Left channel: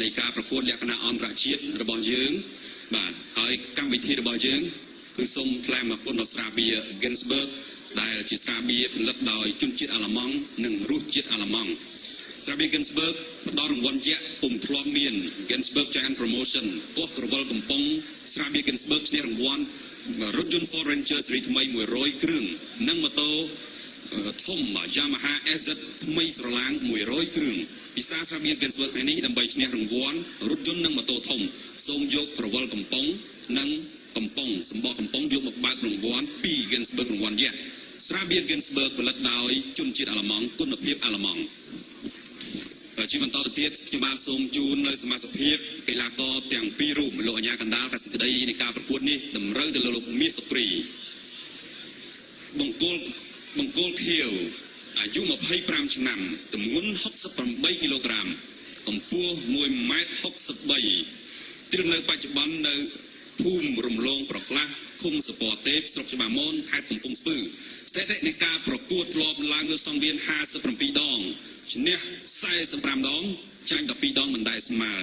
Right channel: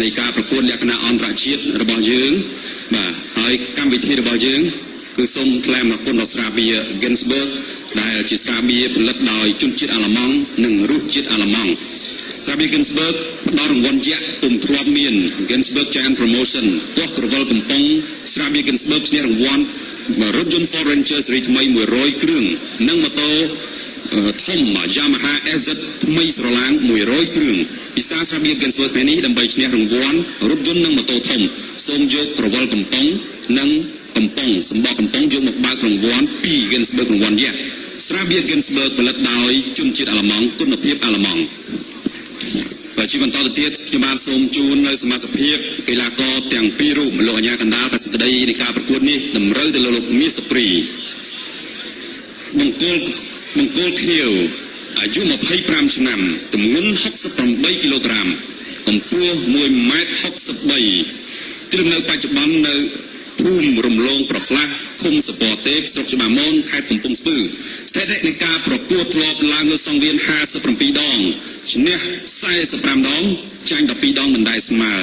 នៃការប្រកួតលក្ខណៈអន្តរជាតិរបស់យើងបាទហើយកម្មវិធីរបស់យើងគឺសូមថ្លែងអំណរគុណដល់ស្រាបៀរ Ginsberg ដែលជាស្រាបៀរផលិតដោយជនជាតិអាល្លឺម៉ង់និងរសជាតិអាល្លឺម៉ង់ស្រាបៀរ Ginsberg ផ្ដល់រង្វាន់យក្សពុំធ្លាប់មាន Ginsberg Giant Promotion ពោះក្រវិលកំប៉ុងស្រាបៀរ Ginsberg ឈ្នះរង្វាន់រថយន្ត Ford Ranger ស៊េរីថ្មី100គ្រឿងនិងម៉ូតូធំ Yamaha SZ ថ្មីស្រឡាង100គ្រឿងពិសាស្រាបៀរ Ginsberg ថ្ងៃនេះដើម្បីឈ្នះរង្វាន់រថយន្តនិងម៉ូតូធំសូមយកក្រវិលកំប៉ុងនិងកំប៉ុងសម្បកកំប៉ុងយកមកបើករង្វាន់ពី Ginsberg រង្វាន់យក្សស្រាបៀរ Ginsberg ផលិតដោយជនជាតិអាល្លឺម៉ង់គុណភាពអាល្លឺម៉ង់ជាបន្តទៅទៀតខ្ញុំបានសូមជូននៅសមាជិកភាពកីឡាករទាំងពីររូបលោកអាញាកណ្ដាលកសិក្តីនៃការប្រកួតនេះតម្រូវទៅលើលោកមាសសុព្រីបង្គោលខៀវអាយុ25ឆ្នាំទម្ងន់68គីឡូក្រាមកម្ពស់1.63 ម៉ែត្រទីលំនៅបច្ចុប្បន្ននៅភូមិរំលងប្រផ្លាស់ឃុំសពតទេពស្រុកច្បារមនខេត្តកំពង់ស្ពឺស្ថិតិនៃការប្រកួតធ្លាប់ឡើងលើសង្វៀន57ដងឈ្នះ45ដងចាញ់12ដងមិនដែលស្មើ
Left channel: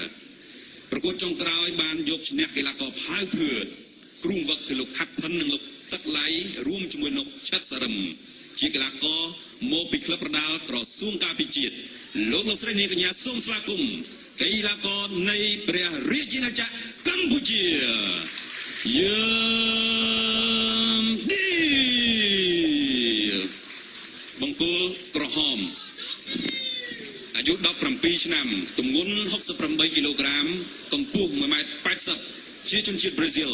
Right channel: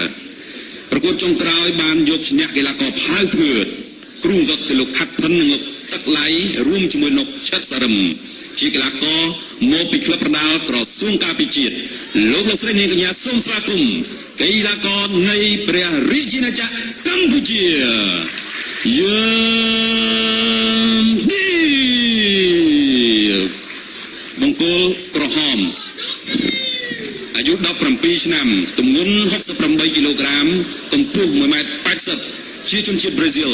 ប្រកួតចុងក្រោយបានយកឈ្នះកីឡាករផៅភឿតគ្រូវឹកគឺលោកខាត់ផិននិងលោកទឹកឡៃរួមជាមួយលោកឆិតសារឹមជាកីឡាករមកពីក្លឹបប្រដាល់ក្រសួងការពារជាតិលោកស្រីនាងកញ្ញាសូមស្វាគមន៍កីឡាករនៃព្រះរាជាណាចក្រកម្ពុជាយាមឌីបង្គោលក្រហមអាយុ17ឆ្នាំទម្ងន់68គីឡូក្រាមកម្ពស់1.80 ម៉ែត្រជាជនជាតិប្រេស៊ីល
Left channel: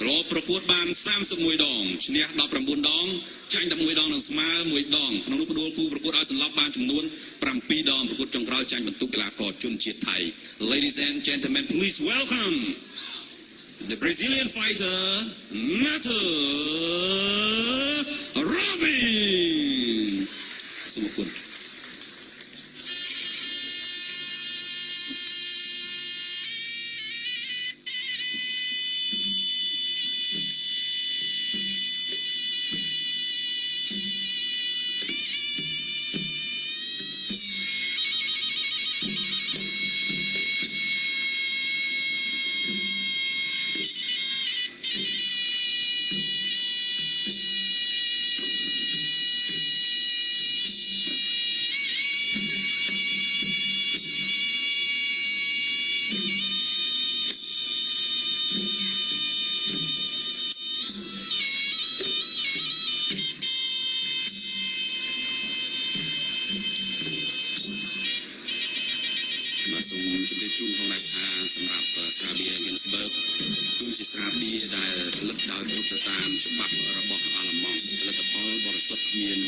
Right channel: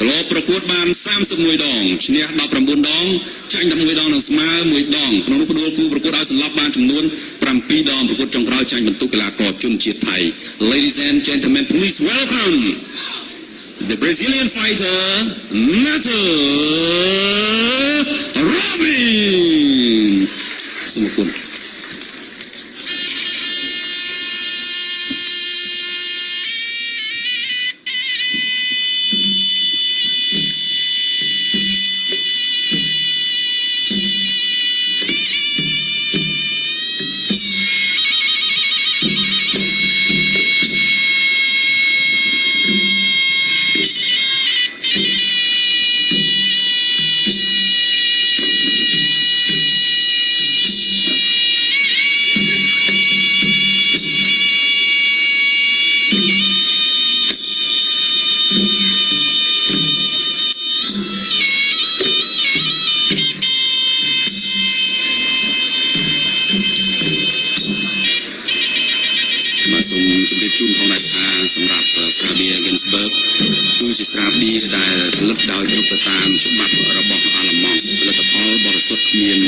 ធ្លាប់ប្រកួតបាន31ដងឈ្នះ19ដងចាញ់11ដងនិងស្មើ1ដងក្នុងនោះផ្ដួលគូប្រកួតឲ្យសន្លប់បានចំនួន7ដងប្រកួតចុងក្រោយចាញ់បន្ទុកកីឡាករជនជាតិថៃ Ladies and gentlemen, please welcome the Brazilian fighter Mato Robin សូមអរគុណសូមជម្រាបជូនផងដែរថាសម្រាប់ស្រាបៀរ Ginsberg គឺជាស្រាបៀរដែលផលិតដោយគ្រប់ទៅតាមច្បាប់របស់អាល្លឺម៉ង់ផលិតផលបរិសុទ្ធគ្មាន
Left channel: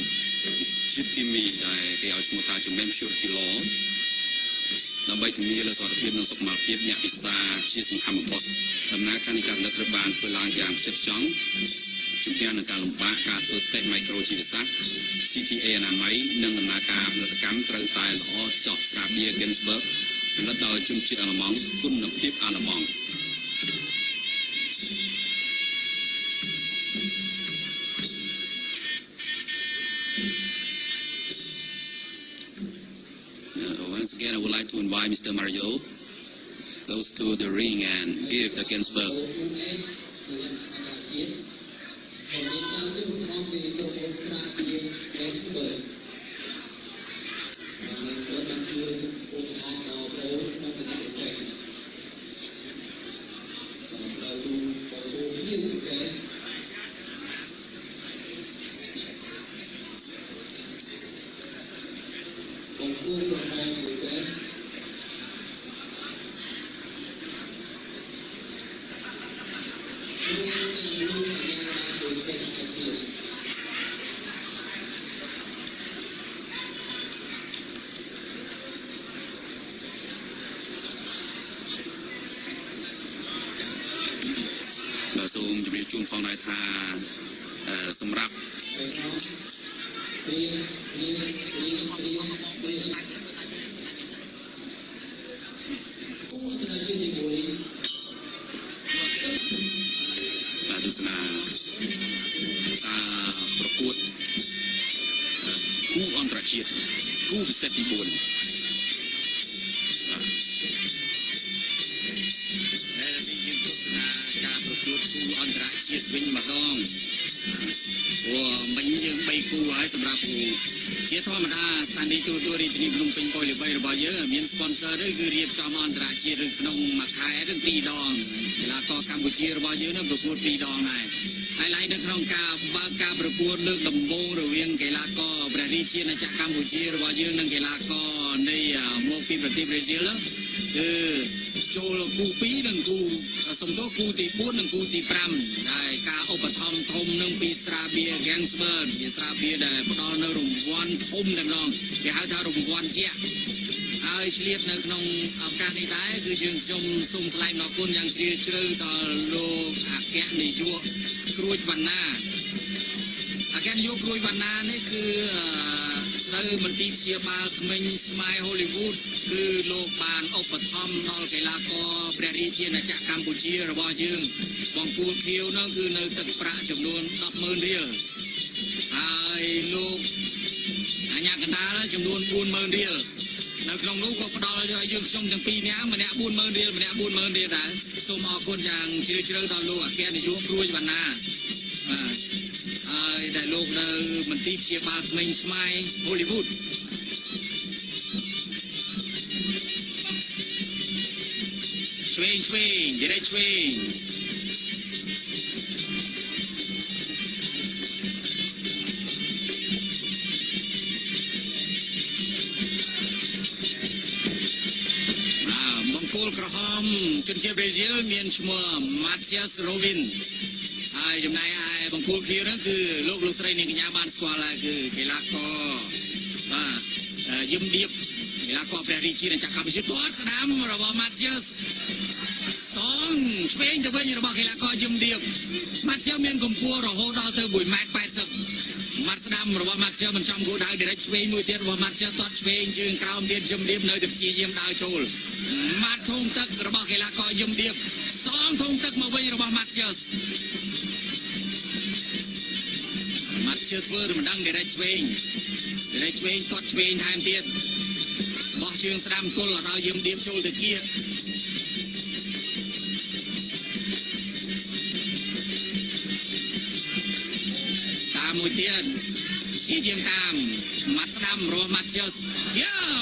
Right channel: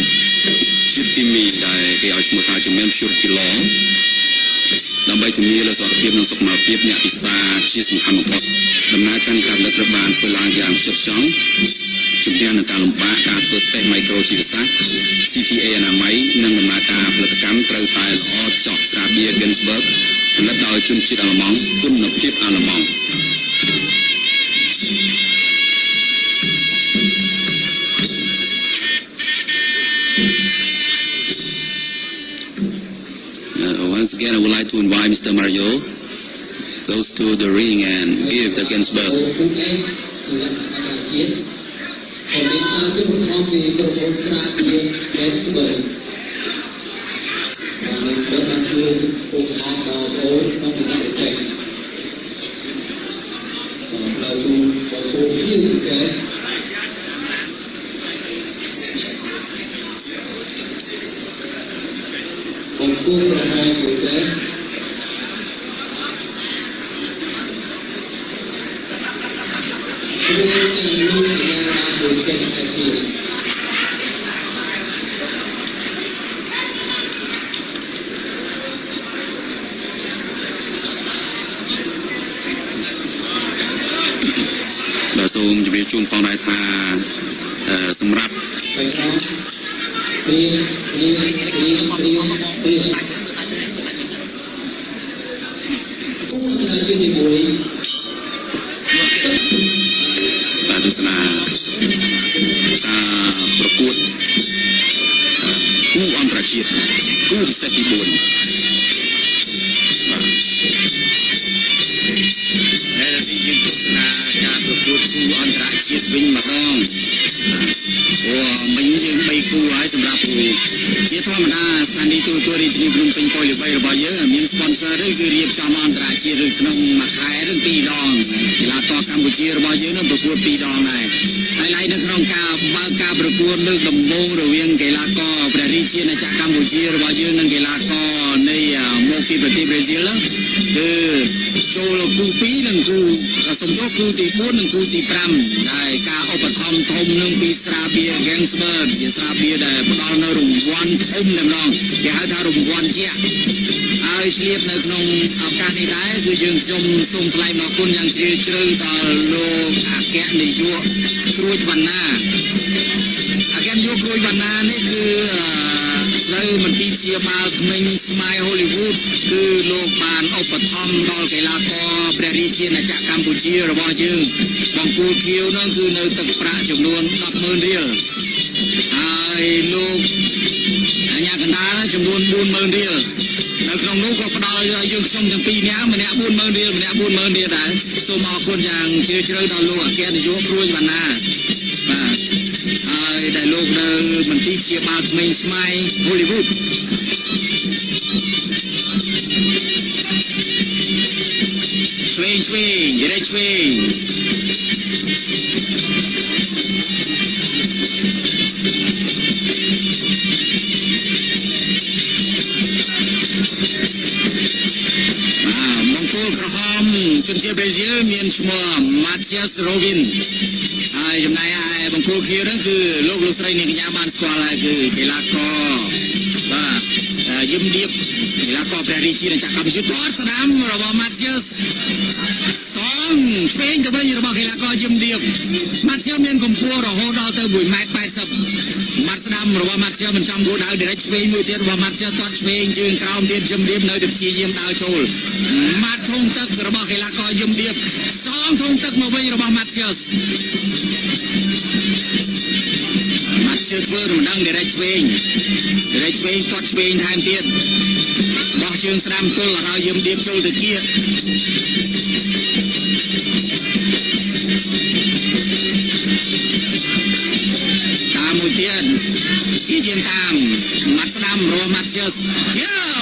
ជាតិគីមីដែលគេឲ្យឈ្មោះថាជា Purity Law ដើម្បីធានាលើសុខភាពនិងសុខុមាលភាពអ្នកពិសាជាសំខាន់បំផុតដំណើរការនៃការផលិតត្រូវបានធ្វើឡើងយ៉ាងផ្ចិតផ្ចង់ជំនះនឹងការលំបាកការធ្វើតេស្តមីក្រូជីវសាស្ត្រ CTA អនាម័យនិងដំណើរការផលិតកម្មត្រូវតែល្អចោះស្រាបៀរ Ginsberg ផលិតដោយជនជាតិអាល្លឺម៉ង់គុណភាពអាល្លឺម៉ង់Once again, I would like to invite Mr. Mario goes to the ring and give the Ginsberg.សូមជម្រាបជូនផងដែរថាសម្រាប់បាទទស្សនាប្រកួតគូអន្តរជាតិគូពិសេសទី4បាទ កួតគូអន្តរជាតិវិញម្ដងអូមិញយើង3គូហើយសម្រាប់ជាធម្មតាស្ថានីយ៍ទូរទស្សន៍រាជធានីភ្នំពេញពលល្បីរបស់យើងមាន sponsor ឬគឺរៀបចំអន្តរជាតិឬក្នុងមួយខែឬ2ដងកីឡាករកម្ពុជារបស់យើងនឹងប្រកួត2ដងដែរហើយឡែកនៅក្នុងការបើកការប្រកួតលើកដំបូងរវាងកីឡាករព្រះរាជាណាចក្រកម្ពុជារបស់យើងនិងកីឡាករនៃមកពីប្រទេសប្រេស៊ីលគឺចូលគូ2និងគូសំទោសគូទី4និងគូទី5ដែលការឧបត្ថម្ភធំនឹងពីស្រាបៀរ Gangsberg ជាស្រាបៀរដែលផ្ដល់នៅរង្វាន់ធំតែម្ដងគេហៅថារង្វាន់ជាក់ហើយឆ្លៀតនៅក្នុងឱកាសនេះដែរគឺយើងខ្ញុំសូមថ្លែងអរគុណយ៉ាងជ្រាលជ្រៅដល់លោកអគ្គនាយកគ្រួចវណ្ណាអគ្គនាយកគ្រួចវណ្ណានេះគឺត្រូវមន្ទីរព្យាបាលថ្មីស្មាយ Hollywood គឺលោកបានឧបត្ថម្ភដល់កីឡាករព្រះរាជាណាចក្រកម្ពុជារបស់យើងបង្គោលខៀវនោះគឺនៅទឹកប្រាក់ចំនួន 10,000 រៀលហើយលោកអាញាកណ្ដាលចំនួន 40,000 រៀលនៅក្នុងនោះក៏ផ្ដល់ឲ្យយើងខ្ញុំទាំងពីរនាក់ម្នាក់ 40,000 រៀលម្នាក់ 40,000 រៀលដែរសូមអរគុណយ៉ាងជ្រាលជ្រៅដល់លោកអគ្គនាយកគ្រួចវណ្ណាបាទហើយដែលលោកនៅមន្ទីរព្យាបាលថ្មីស្មាយ Hollywood ឆ្វេងនិយាយឆ្វេងមង្គលក្រហមជនជាតិប្រេស៊ីលមានឈ្មោះ Matthias Robin ហើយចំណែកឯបង្គោលខៀវហ្នឹងគឺលោកស្រីនាងកញ្ញាបានស្គាល់ហើយគឺកីឡាករបាទយឹមឌៀបកីឡាករព្រះរាជាណាចក្រកម្ពុជាទាត់ស្ដាំរបស់ Matthias សងឆ្វេងទៅវិញរបស់កីឡាករយឹមឌៀប Matthias មានកម្ពស់រហូតដល់ទៅ 1.80 ម៉ែត្រម៉ាត់ស្ដាំរបស់ Matthias មិនចំគោលដៅ direct ឆ្វេងមួយទៀតរបស់ Matthias ទាត់ឆ្វេងជើងក្រោមទៀតយឹមឌៀបនៅតែព្យាយាមដើរចូលម៉ាត់ធុងទឹករបស់កីឡាករយឹមឌៀបសងធុងទឹកមកវិញរបស់ Matthias ធ្វើមិនដឹង direct ឆ្វេងទាត់ឆ្វេងថែមទៀតបោះជើងស្ដាំទល់ឲ្យយឹមឌៀបចូលទៅគៀកតាមមួយទៀតជាជាងតាមម៉ាត់ស្ដាំរបស់ Matthias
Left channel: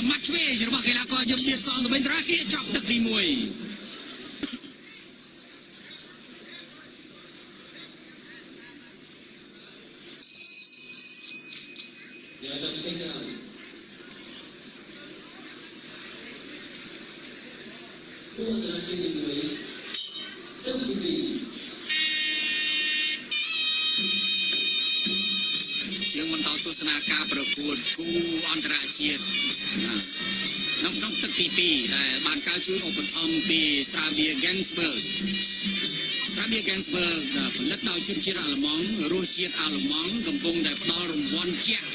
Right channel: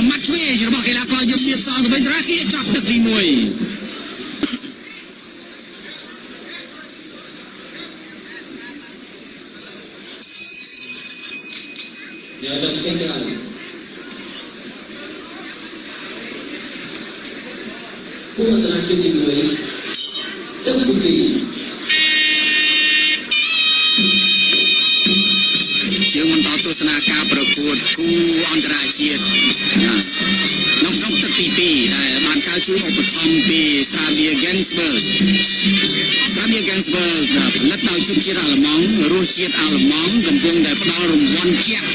ម៉ាត់ឆ្វេងរបស់កីឡាករយឹមឌៀបសងទៅវិញត្រាគៀកចប់ទឹកទី1Dihadapkan Kuat terakhir dimulai terbukti ជាងបន្តទស្សនាការប្រកួតគូអន្តរជាតិក្នុងទឹកទី2ដែលបានកើតជួយឧបត្ថម្ភពីស្រាបៀរ Gangsberg ផលិតដោយជនជាតិអាល្លឺម៉ង់រសជាតិអាល្លឺម៉ង់កំពុងតែផ្ដល់រង្វាន់ជាក់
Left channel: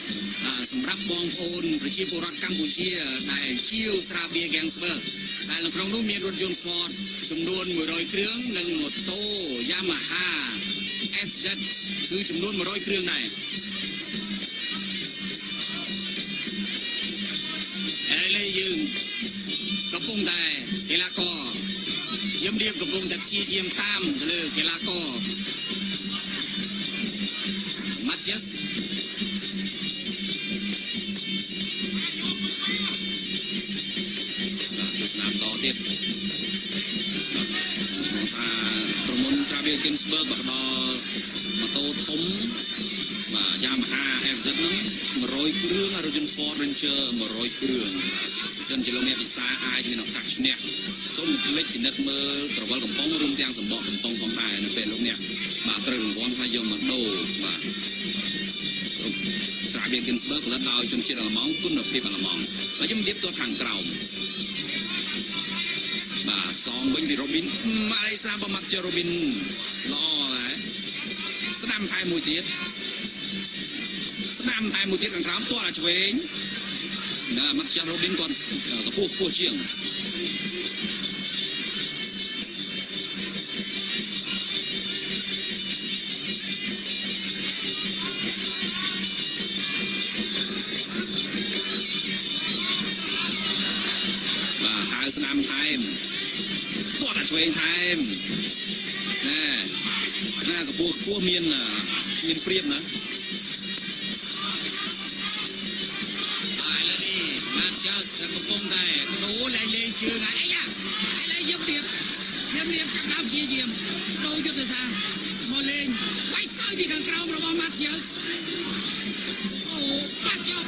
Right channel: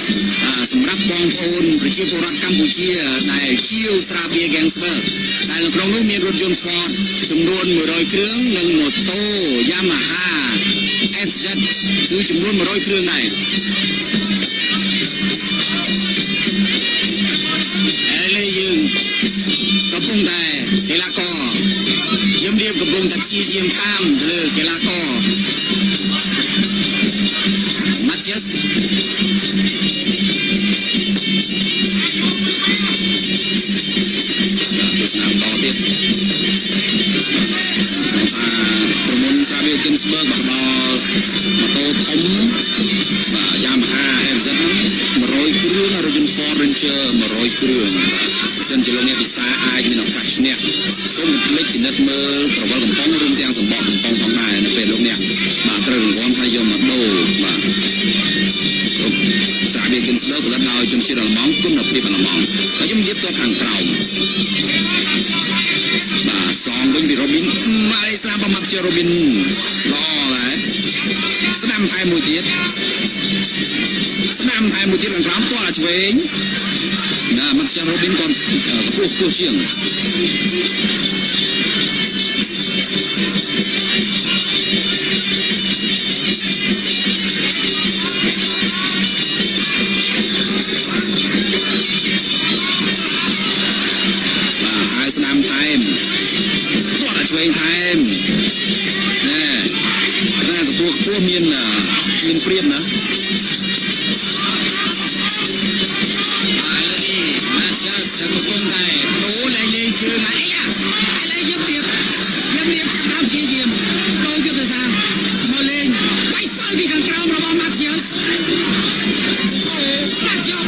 សម្រាប់បងប្អូនប្រជាពលរដ្ឋកម្ពុជាដែលជាវស្រាបៀរ Gangsberg ដែលនៅក្នុងនោះមានរថយន្ត Ford ចំនួន100គ្រឿងនិងម៉ូតូ Yamaha FZ គឺចំនួន100គ្រឿងដែរយើងកំពុងតែកីឡាករយឹមឌៀបកំពុងតែព្យាយាមតាមទៅលើកីឡាករ Matthias ទស្សនាបន្តទៀតប្រមុនស្រាបៀរ Gangsberg បដល់ម៉ូតូធំបាទ Yamaha FZ ហ្នឹង100គ្រឿងរថយន្ត Ford Ranger 100គ្រឿងបើសិនជាលោកអ្នកពិសាអាចមានឱកាសឈ្នះសូមកុំភ្លេចពិនិត្យមើលក្រវិលកំប៉ុងរួមទាំងសម្បកកំប៉ុងផងដែរនៅពេលលោកអ្នកបាទត្រូវរង្វាន់ហើយយកមកដូរបាទស្រាបៀរ Gangsberg ផលិតដោយជនជាតិអាល្លឺម៉ង់គុណភាពអាល្លឺម៉ង់ហើយខ្ញុំនិយាយទាត់ខាងក្រោមបាទសងវិញពី Robin ម៉ាឡេស្លារបស់ Matthias Robin ល្អដែរស្ដាំថែមមួយទៀតខាងក្រោមទាល់ឆ្វេងណាMatthias Robin គាត់ខ្ពស់ជាងបាទហើយស្ដាំថែមគាត់ឆ្វេងថែមណែ ពួកមានព្រៀបណា Mà chưa sẽ có công tài đố lại lên chưa ngại à ai lấy giúp điệp chăm đám chia diệm đôi giúp từ sao mà lên quay soi vì càng cao mà bao mặt chưa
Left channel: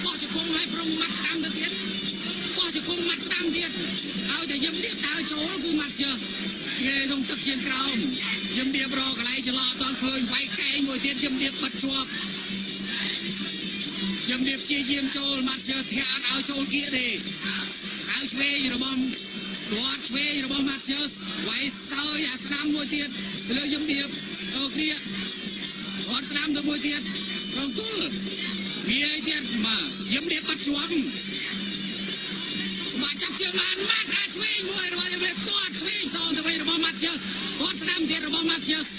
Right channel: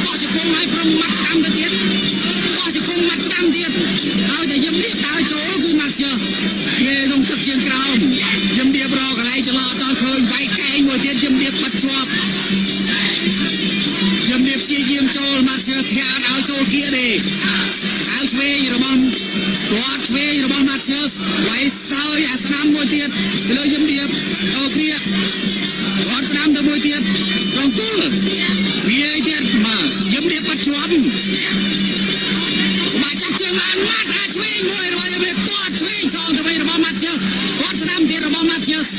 bỏ sự công hay from mặt đam tiết bỏ sự công mặt đam tiết taoจะยิ้มเรียบตาโจ้คือmặt chưa nghe trong thực chiến caoยิ้มเรียบรอกันไรจะรอตอนคืนไว้แกงหัวเทียนยิ้มเรียบปัดชวบยิ้มเรียบเชียร์ยิ้มโจลมาเชียร์แทนเอาโจลเกียร์ดีเอาช่วยระบำตัวช่วยระบำมาเชียร์ไว้เสาอย่าสนามมวยเตียนเลยยิ้มเรียบเอาเคลียร์วัดสนามตัวมวยเตียนลงตุ้ลมีไอเตียนมายิ้มเรียบปัดชวบมาจับเชือกมันมาตาช่วยมวยระบำยิ้มเรียบตัวช่วยสองตัวไประบำมาเชียร์วัดสนามเตียนระบำมาเชียร์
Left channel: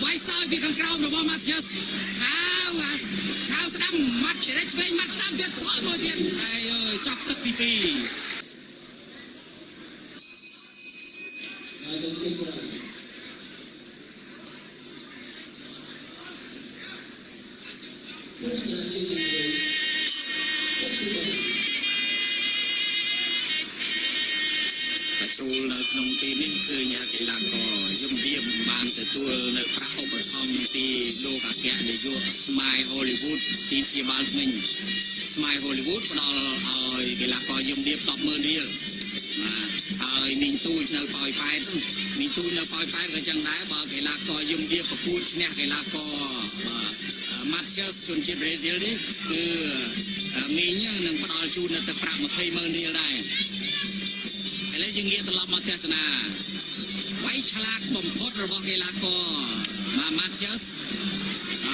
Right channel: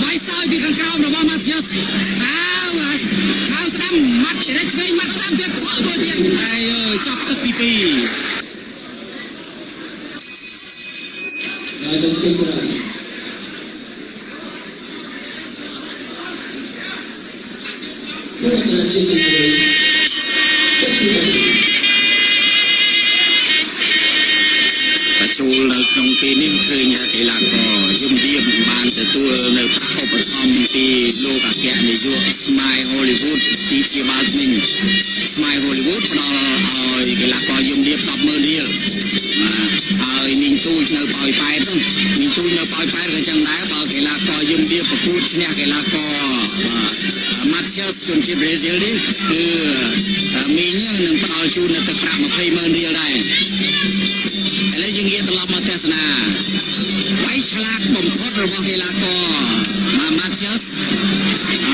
ไว้เสาพี่กันกราวระบำมาเชียร์ข้าวสนามมัดเด็ดช่วยมัดสนามเตียนขวามวยเตียนไอ้จับตะปี Đại đồng kinh ra Các bạn là chương trình mới Tất cả bạn ចូលនៅក្នុងពេលនេះឃើញកីឡាករយមរៀបបានទទួលនៅប្រាក់ឧបត្ថម្ភពីលោកអគ្គនាយក Smile Hollywood ទីព្យាបាលថ្មី Smile Hollywood ផ្ដល់ឲ្យកីឡាករយមរៀប 10,000 រៀលហើយមីងទូចនៅប៉ោយប៉ែតមីងទូចនៅប៉ោយប៉ែតក៏ចឹងដែរបើកីឡាករយមរៀបប្រកួតឈ្នះកីឡាករ Matheus ជនជាតិប្រេស៊ីលនេះគឺមីងនឹងផ្ដល់ជូននៅទឹកប្រាក់ 20,000 រៀលដែរ ឥឡូវយើងងាកត្រឡប់មកទស្សនាវាយឆ្លាតបំផុតរបស់កីឡាករម៉ាធ្យាស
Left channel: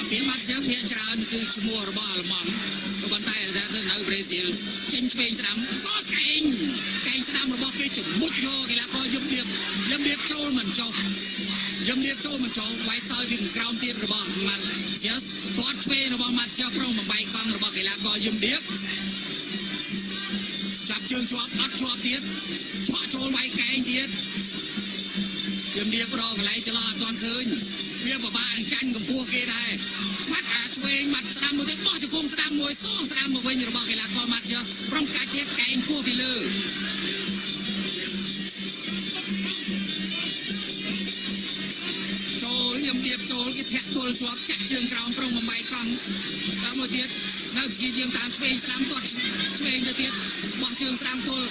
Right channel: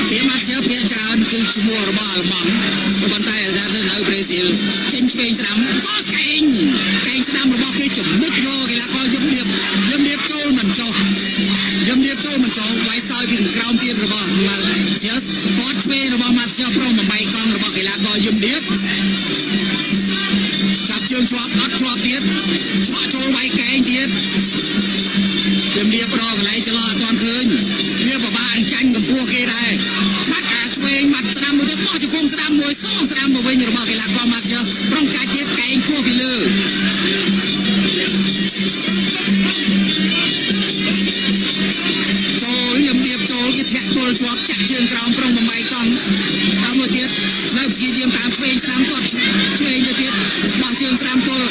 ពីម៉ាធ្យាសភាគច្រើនគឺឈ្មោះរបស់អាល្លឺម៉ង់ប៉ុន្តែនៅប្រេស៊ីលចេញឆ្វេងស្ដាំក៏កែងស្ដាំរបស់គេជំមុខយកកីឡាករយមរៀបចូលមិនចុះវាយសោយពីក្រោមទៀតរបស់ម៉ាធ្យាសគាត់ឆ្វេងរបស់ម៉ាធ្យាសប្រងបំបីកង់របស់កីឡាករយមរៀប ចាប់ជើងជាប់អត់ជាប់ទៀតឆក់ចូលវាយកែងទៀតជំរាបរកកន្លែងចន្លោះអត់ទាន់ឃើញវាពិបាកនឹងចាញ់កម្ពស់គេដែរបាត់អាឆ្វេងបាត់ស្ដាំមួយទៀតបោះជង្គង់ស្ដាំមួយសងស្ដាំមកវិញរបស់កីឡាករម៉ាត់ជើប្រងកាច់ទៀតកែងគោះពីលើចូលជំរាបចូលគេធាក់ទល់ជាប់ចាក់ជើងក្រោមប្រងបំបីកង់តាមមួយទៀតនៅព្យាយាមតាមឆ្វេងស្ដាំគាត់ឆ្វេងទៅទៀតបោះជើងស្ដាំទល់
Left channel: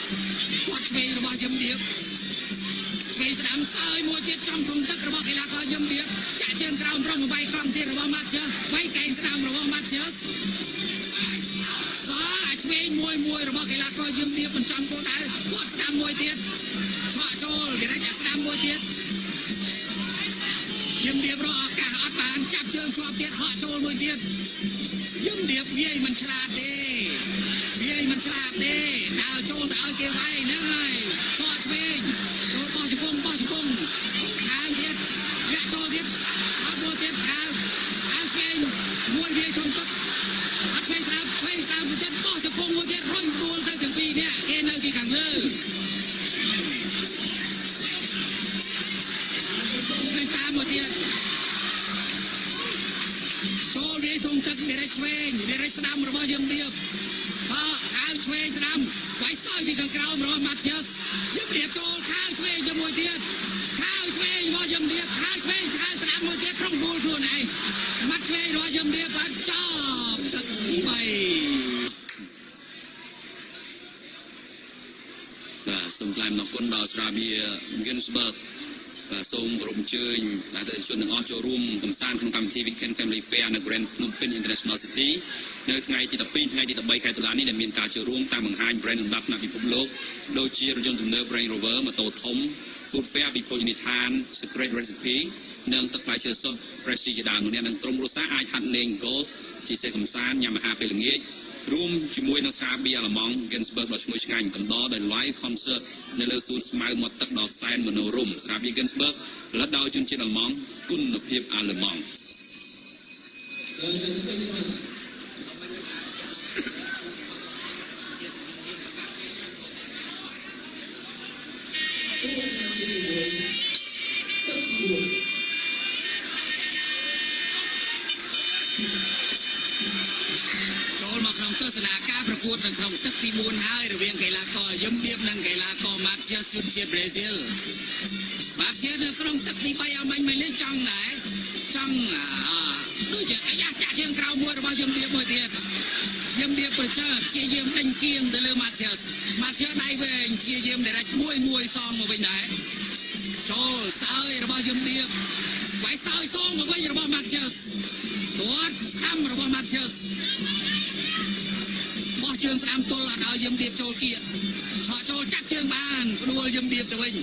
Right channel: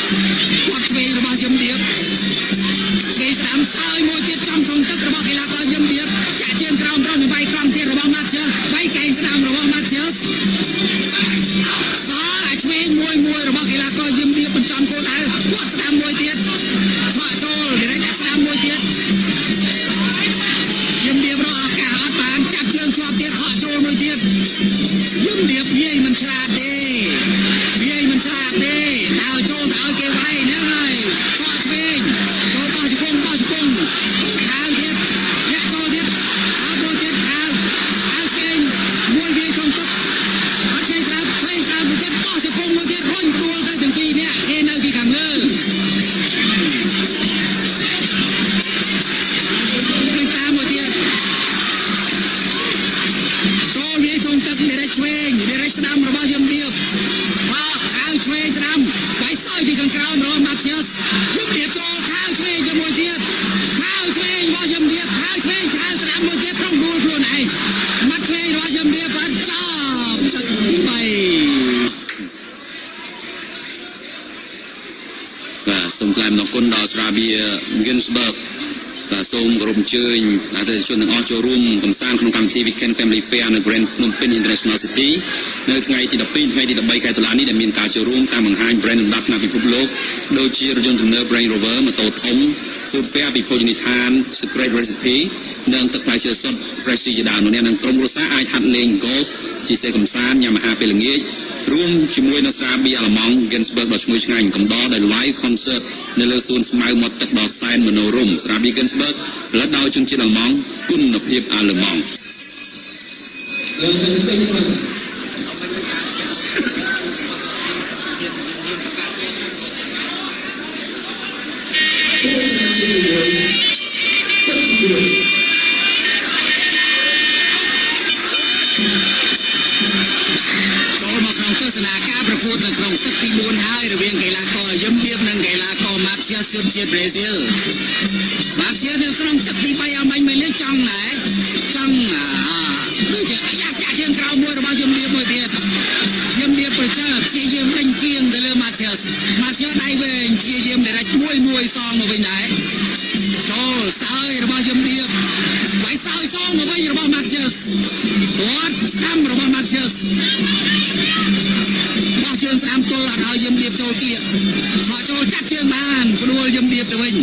គាត់ឆ្វេងរបស់ជំរាបឆ្វេងស្ដាំសើយមួយទៀតចំក្នុងទឹករបស់កីឡាករជំរាបចាក់ជើងក្រោមប្រងបំបីកង់ទៀតរបស់ម៉ាត់ជើវាយកែងស្ដាំរបស់ម៉ាត់ជើសអាឆ្វេងមួយរបស់កីឡាករជំរាបបញ្ចំគោលដៅគាត់ស្ដាំមួយទៀតឆក់ចូលគេរកស្ដាំមួយទៀត ជំរាបរកឱកាសអត់បានចាប់ជើងជាប់ទៀតហក់ចូលមួយទៀតជំរាបវាយមិនឆ្លាតទេដើរចូលទៅឲ្យគេវាយហ្នឹងហើយសក់ឆ្វេងចូលបោះជង្គង់ខាងទៀតអ្នកចូលទៀតអត់មួយទៀតខាងឆ្វេងមួយវាយក្នុងទឹកអត់ឆ្វេងស្រាប់ឆ្វេងក្រោមមួយទៀតបោះជង្គង់មួយទៀតរុញដួលទៅទាំងពីរនាក់គេនៅពីខាងលើតាមមួយទៀត ចូលវាយក្នុងទឹកវារែកឆ្វេងវារែកស្ដាំរបស់យមរៀបខាវឆ្វេងស្ដាំវាយសោយពីខាងក្រោមរបស់ម៉ាធ្យាសយមរៀបចូលខាវឆ្វេងជាមួយទៀតខាវឆ្វេងរបស់យមរៀបខាវឆ្វេងខាវស្ដាំមួយទៀតប្រងដួលខ្លួនឯងម៉ាត់ឆ្វេងរបស់យមរៀបបានចប់ទឹកទី3បាទសូមថ្លែងអំណរគុណដល់ស្រាបៀ Ginsberg បាទសូមគោរពអញ្ជើញអតិថិជនទាំងអស់ចូលរួមកំសាន្តក្នុងកម្មវិធី Weekend Family Fair នៅ Grand Phnom Penh International City នៅថ្ងៃទី 12 ថ្ងៃទី 13 ខែតុលានេះដែលមានការចូលរួមតាមបង្ហាញ brand លំដាប់ថ្នាក់ពិភពលោកដូចជារថយន្តទំនើប Range Rover ម៉ូតូធំ Food Fair ពីភោជនីយដ្ឋាន Secret Recipe និងទឹកផ្លែឈើសុទ្ធ Fresh ជាដើមអ្នកនឹងក្រុមគ្រួសារអាចហាត់លេង golf ជិះសេះកំសាន្តញ៉ាំអាហារពេលល្ងាច រួមជាមួយនឹងស្រាបៀរអាល្លឺម៉ង់ Ginsberg ដ៏ឈ្ងុយឆ្ងាញ់កំដរដោយ live concert នៅលើសួនស្មៅមាត់ទឹកដ៏សែនមនោរម្យស្រាបៀរ Ginsberg ផលិតដោយជនជាតិអាល្លឺម៉ង់គុណភាពអាល្លឺម៉ង់ Hãy subscribe cho kênh Ghiền Mì Gõ để không bỏ lỡ ួតនៅក្នុងទឹកទី4ហើយរវាងកីឡាករយឹមឌៀបនិងកីឡាករម៉ាធ្យាសជនជាតិប្រេស៊ីលម៉ាធ្យាសនៅក្នុងទឹកទី3អាមាញ់មិនលេងចង់ដែរចង់ដូចជាអាយ៉ាចាក់ជើងក្រោមមួយរបស់យឹមឌៀបមួយទៀតយឹមឌៀបប្រជាព្យាយាមដេញគៀងទៅលើម៉ាធ្យាសដៃវែងព្យាយាមដេរមួយសងមកវិញដែរចូលសើយរបស់យឹមឌៀបវាយសើយសងមកវិញរបស់ម៉ាធ្យាសគាត់ស្ដាំរបស់ម៉ាធ្យាសបោះជើងស្ដាំទល់អត់ឲ្យយឹមឌៀបចូលគៀកឆក់ចូលចាត់ជើងបានផ្ដួលយឹមឌៀបទៅវិញ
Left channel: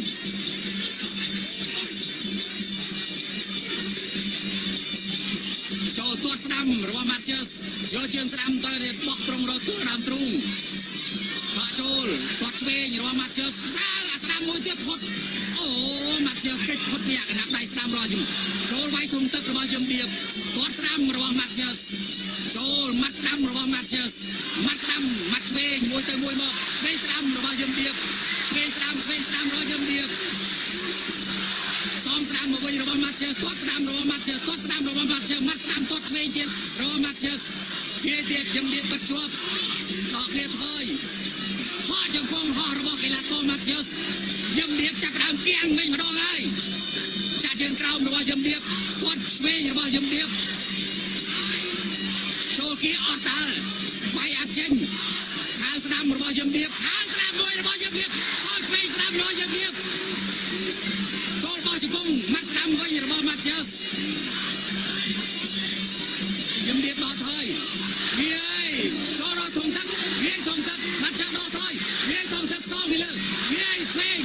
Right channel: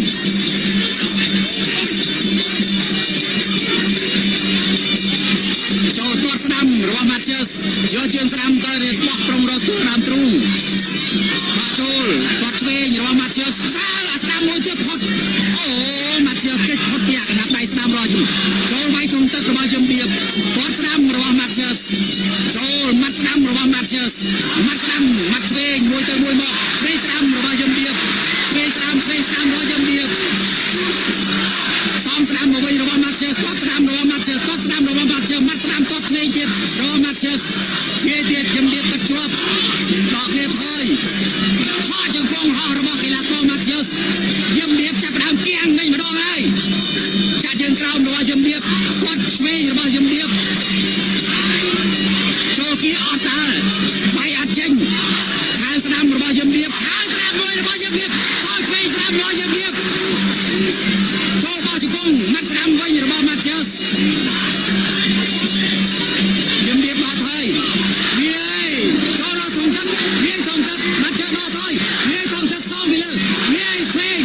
ចូលទាត់ស្ដាំរបស់ម៉ាធ្យាសយកជើងស្ដាំទៅបោះប្រុងរកទួលដើមទ្រូងឆក់ចូលទាត់ឆ្វេងរបស់ម៉ាធ្យាសសើអាស្ដាំមួយទៀតផុតអូម៉ាធ្យាសគេចផុតពីអាកណាត់ដៃស្ដាំរបស់យឹមចូលវាយធំទឹករបស់យឹមឌៀបទាត់ស្ដាំរបស់ម៉ាធ្យាសចូលម៉ាត់ស្ដាំរបស់ម៉ាធ្យាសម៉ាត់ស្ដាំម៉ាត់ឆ្វេងមួយទៅមួយមកឆ្វេងស្ដាំរបស់យឹមឌៀបឆ្វេងស្ដាំរបស់យឹមឌៀបសំស្ដាំមកវិញរបស់ម៉ាធ្យាសទាត់ស្ដាំរបស់ម៉ាធ្យាសទាត់ស្ដាំរបស់ម៉ាធ្យាសម៉ាត់ស្ដាំទាត់ឆ្វេងទៀតរបស់ម៉ាធ្យាសវាទៀតយឹមឌៀបទឹកជាប់ដកគ្នាថយហោះជើងហ្វងហោះរបស់កីឡាករម៉ាធ្យាសយឹមឌៀបចាប់ផ្ដើមគៀងវិញម្ដងហើយចាក់ជើងក្រោមរបស់យឹមឌៀបទាត់ឆ្វេងរបស់យឹមឌៀបចូលគៀអត់តើបាយអត់ចេញខាងស្ដាំរបស់យឹមឌៀបខាងស្ដាំមួយរបស់យឹមឌៀបអត់ឆ្វេងស្ដាំរបស់យឹមឌៀបចូលបោះជង្គង់ម៉ាត់ស្ដាំវិញរបស់ម៉ាធ្យាសយឹមឌៀបបោះថយវាយចូលរកធំទឹកវាយធំទឹកម៉ាធ្យាសដកថយវាយធំទឹកសងពីលើវាយឆ្វេង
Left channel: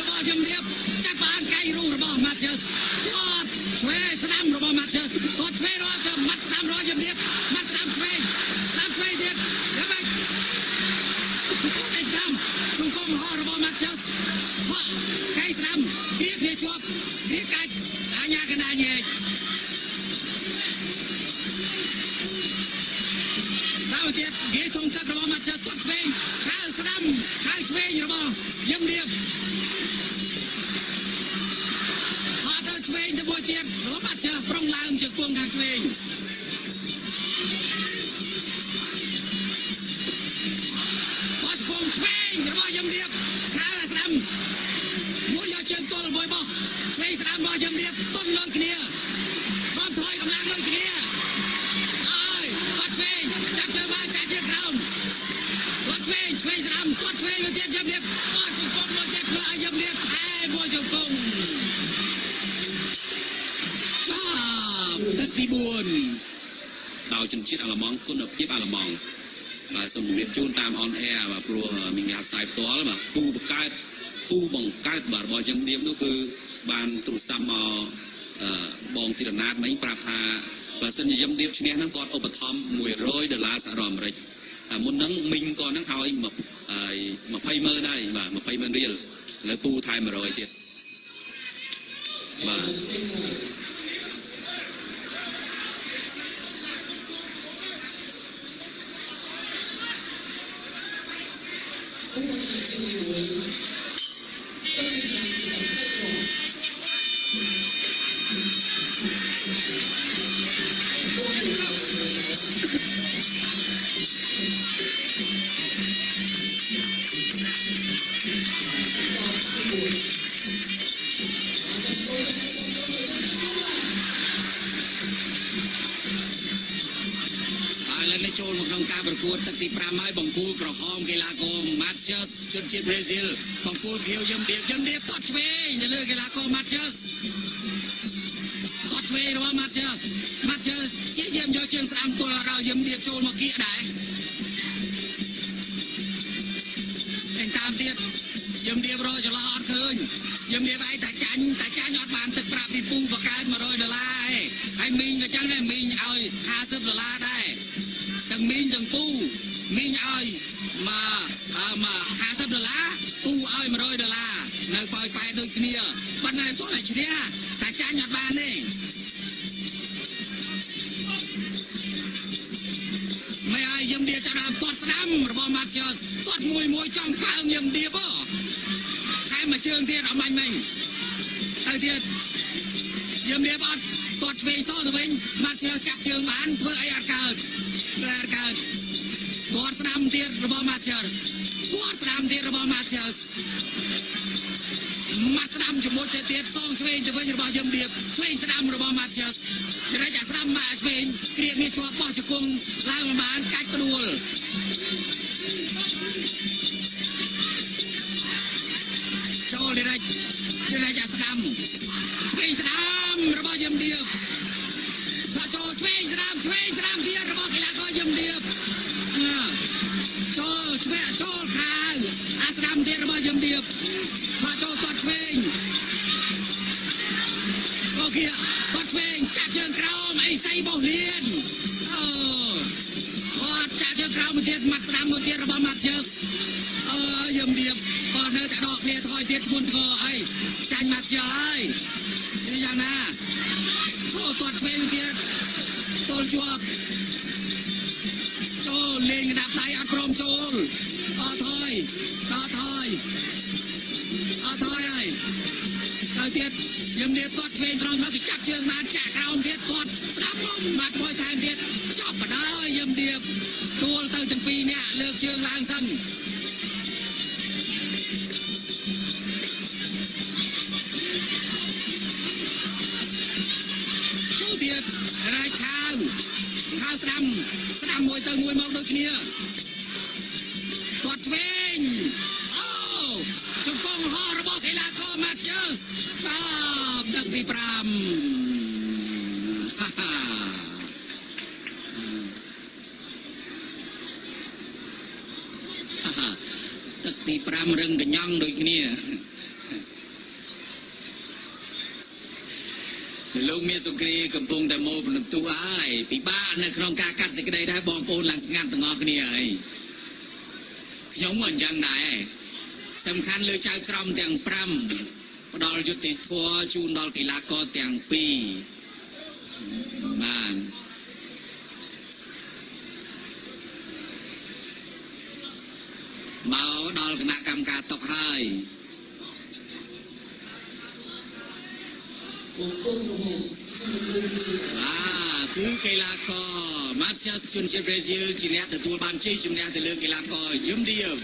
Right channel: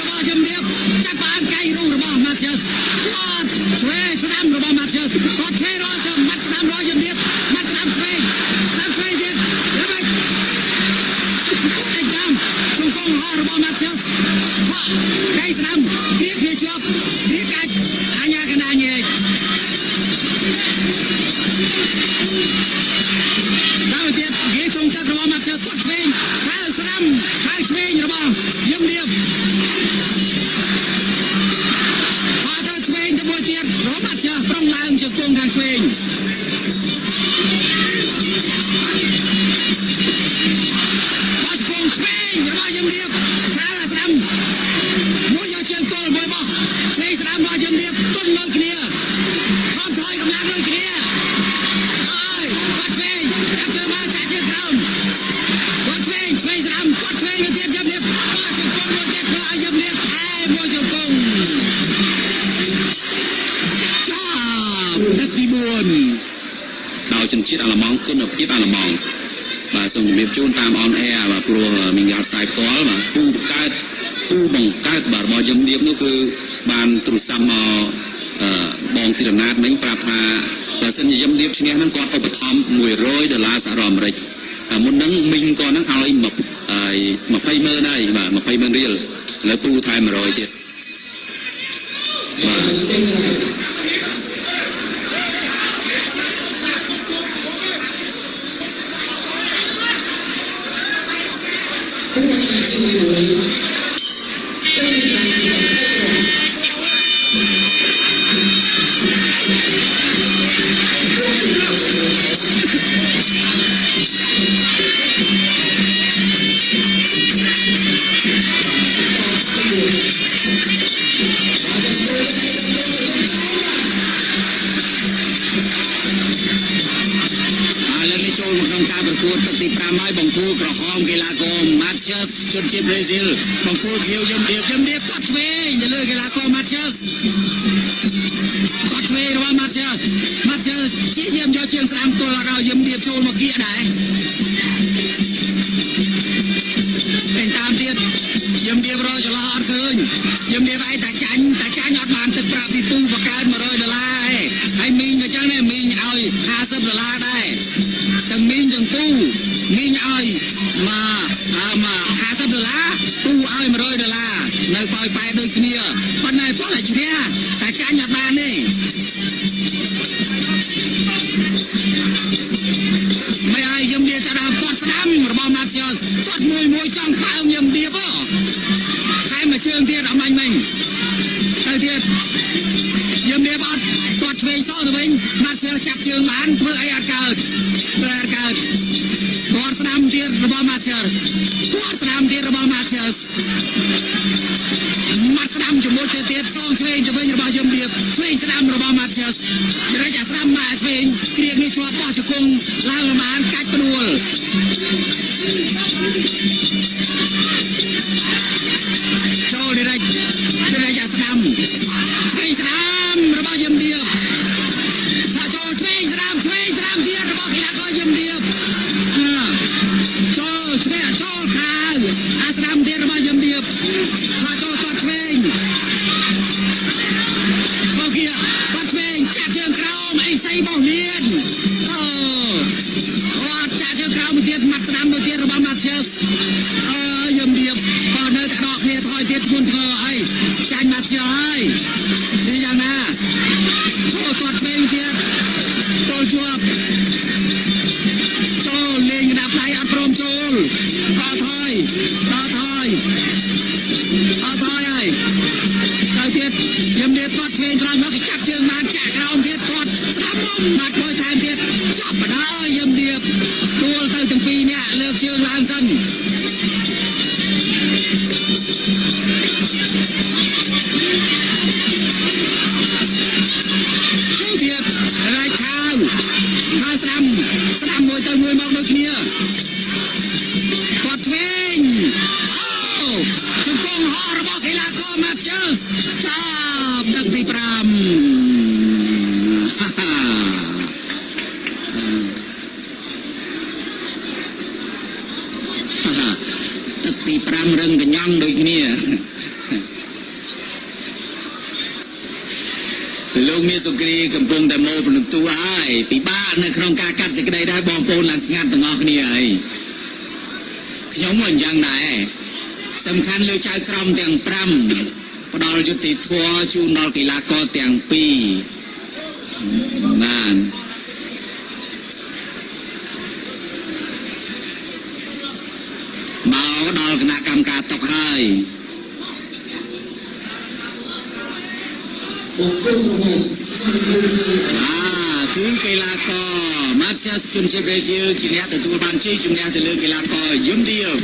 របស់យឹមឌៀបចាប់បានកៃរូបរបស់ម៉ាធ្យាសគាត់ឆ្វេងស្ដាំរបស់ម៉ាធ្យាសគាត់ឆ្វេងរកទៅម៉ាត់ស្ដាំរបស់យឹមឌៀបម៉ាត់ស្ដាំឆ្វេងទៀតយ៉ាងម៉េចដេញតាមជង្គង់ហោះរបស់ម៉ាធ្យាសហោះកៃស្ដាំគ្រាជាប់គ្រាកាច់អាញាកណ្ដាលញែកដល់ទៀតគេទងទឹករបស់ម៉ាធ្យាសទាត់ឆ្វេងខាងស្ដាំខាងឆ្វេងរបស់យឹមឌៀបហោះទៅឆ្វេងទៅមួយទៀតរបស់ម៉ាធ្យាសប្រុងឡើងជង្គង់ខាងឆ្វេងឆ្វេងរបស់យឹមឌៀបខាងស្ដាំមួយយកជើងទល់មួយបោះឆ្វេងស្ដាំរបស់យឹមឌៀបទន់ដូចគ្នាខំថយកម្លាំងដូចគ្នាហើយគាត់ឆ្វេងចាក់ជើងមកចាក់ជើងក្រោមគាត់ឆ្វេងស្ដាំគាត់ឆ្វេងមួយទៀតយឹមឌៀបបោះជង្គង់មួយទៀតធ្វើឲ្យយឹមឌៀបថែមួយជង្គង់ចាប់ទឹកទី4ដោយជនជាតិអាល្លឺម៉ង់គុណភាពអាល្លឺម៉ង់បាទសូមជម្រាបជូនតាមអនអែរបាទព្រោះមានការផ្សាយផ្ទាល់បាទពូបង្កើតបាទរបស់យឹមឌៀបនោះគឺបានទូរស័ព្ទមកបងទីរណាតមិញប្រាប់ថាបើសិនជាយឹមឌៀបឈ្នះហ្នឹងគាត់ឧបត្ថម្ភ$100សហរដ្ឋអាមេរិកមុនហ្នឹងមីងគាត់ហ្នឹងឲ្យ$20,000ហើយបាទ$20,000ឥឡូវពូថែម100ទៀតបាទចូលមកក្នុងការប្រកួតទឹកទី5ហើយបង្គោលក្រហមកីឡាករម៉ាធ្យាសជនជាតិប្រេស៊ីលបង្គោលខៀវយឹមឌៀបទាត់ឆ្វេងទៅលើកីឡាករម៉ាធ្យាសទាត់ឆ្វេងរបស់ម៉ាធ្យាសជាយាមយកជើងស្ដាំទល់ឲ្យយឹមឌៀបចូលមកគៀកដែរពេញតាមទៀតយឹមឌៀបរកចន្លោះអត់ឃើញយឹមឌៀបឯងតែចាញ់អត់បានទឹកប្រាក់ពីពូបង្កើន$100ហើយមីងក៏ចឹងដែរមីងឲ្យ$50ដែរទាំងមីងទាំងពូមីងឲ្យមក$50ពូឲ្យ$100នៅប៉ោយប៉ែដូចគ្នាប៉ុន្តែពលតែឈ្នះតែចាញ់អត់បានទេមិនឲ្យយឹមឌៀបចាប់ដើមទាត់ស្ដាំរបស់ម៉ាធ្យាសទាត់មួយចង់ប៉ើងយឹមឌៀបខែមួយជើងទៀតអត់មាញ់មិញទៅទៀតយឹមឌៀបអត់ទាត់ឆ្វេងសងទៅវិញម៉ាធ្យាសចាប់ជើងបានធ្វើអីអត់កើត គាត់ស្ដាំទៀតរបស់ Matcher គាត់ស្ដាំទៀតរបស់ Matcher មាត់ស្ដាំជាមួយទៅទៀតសងឆ្វេងទៅវិញរបស់យឹមឌៀបឆ្វេងស្ដាំរបស់ Matcher រែកអាស្ដាំមកឆ្វេងគ្រៀងនេះជាប់បោះជង្គង់ឡើងល្មានកាច់ផ្ដួលចូលរែកអាស្ដាំឆ្វេងស្ដាំរបស់យឹមឌៀបចូលឆ្វេងស្ដាំទៀតរបស់កីឡាករយឹមឌៀបចូលឆ្វេងចូលខាវអាស្ដាំទៀតរបស់យឹមឌៀបចូលគាត់ឆ្វេងអូគីគាត់ឆ្វេងចាក់ជើងក្រោមអីសៃបោះលៀនគាត់ចាក់ជើងក្រោមមួយទៀតមាត់ស្ដាំមួយទៀតរបស់ Matches យឹមឌៀបបើនៅតែដកគ្នាថយទៀតធ្ងន់ធ្ងរអីចាញ់ Matches ហើយនេះយ៉ាងណាចូលគាត់ឆ្វេងទៀតចូលជាប់ចូលលេងកណ្ដាប់ដៃអត់ព្រមចូលក៏ថយហើយទៅទៀតយឹមឌៀបគាត់ឆ្វេងត្រង់មកចាក់ជើងបានចាក់ក្រោមទៀតគាត់ស្ដាប់មុំបាត់មួយថែមទៀតចាប់បដាយឹមឌៀបដួលទៅទាំងពីរនាក់លើកជើងឡើងសិនចូលទៀតរែកខាវស្ដាំមួយទៅមួយមកដូចគ្នាគាត់ឆ្វេងជង្គង់ហោះរបស់កីឡាករ Matches ចាប់ទឹកទី5ទឹកទី5រឹងកញ្ញង់ដូចគ្នាលោកមានសុគ្រីកំពុងតែមកបន្ទូហើយពិបាកនៅក្នុងការកាត់សេចក្តីដែរបងប្អូនឡើងស្ងាត់ទាំងអស់គ្នាហើយខ្ញុំមិនអញ្ចឹងដែរសំខាន់លើចៅក្រមទាំង5ផ្ដល់យុត្តិធម៌ជូនដល់កីឡាករទាំង2បានមកដល់គណៈកម្មការតុកហើយគឺកីឡាករ Matches ជនជាតិប្រេស៊ីលជាអ្នកទទួលបានជ័យជំនះទៅលើកីឡាករយឹមឌៀប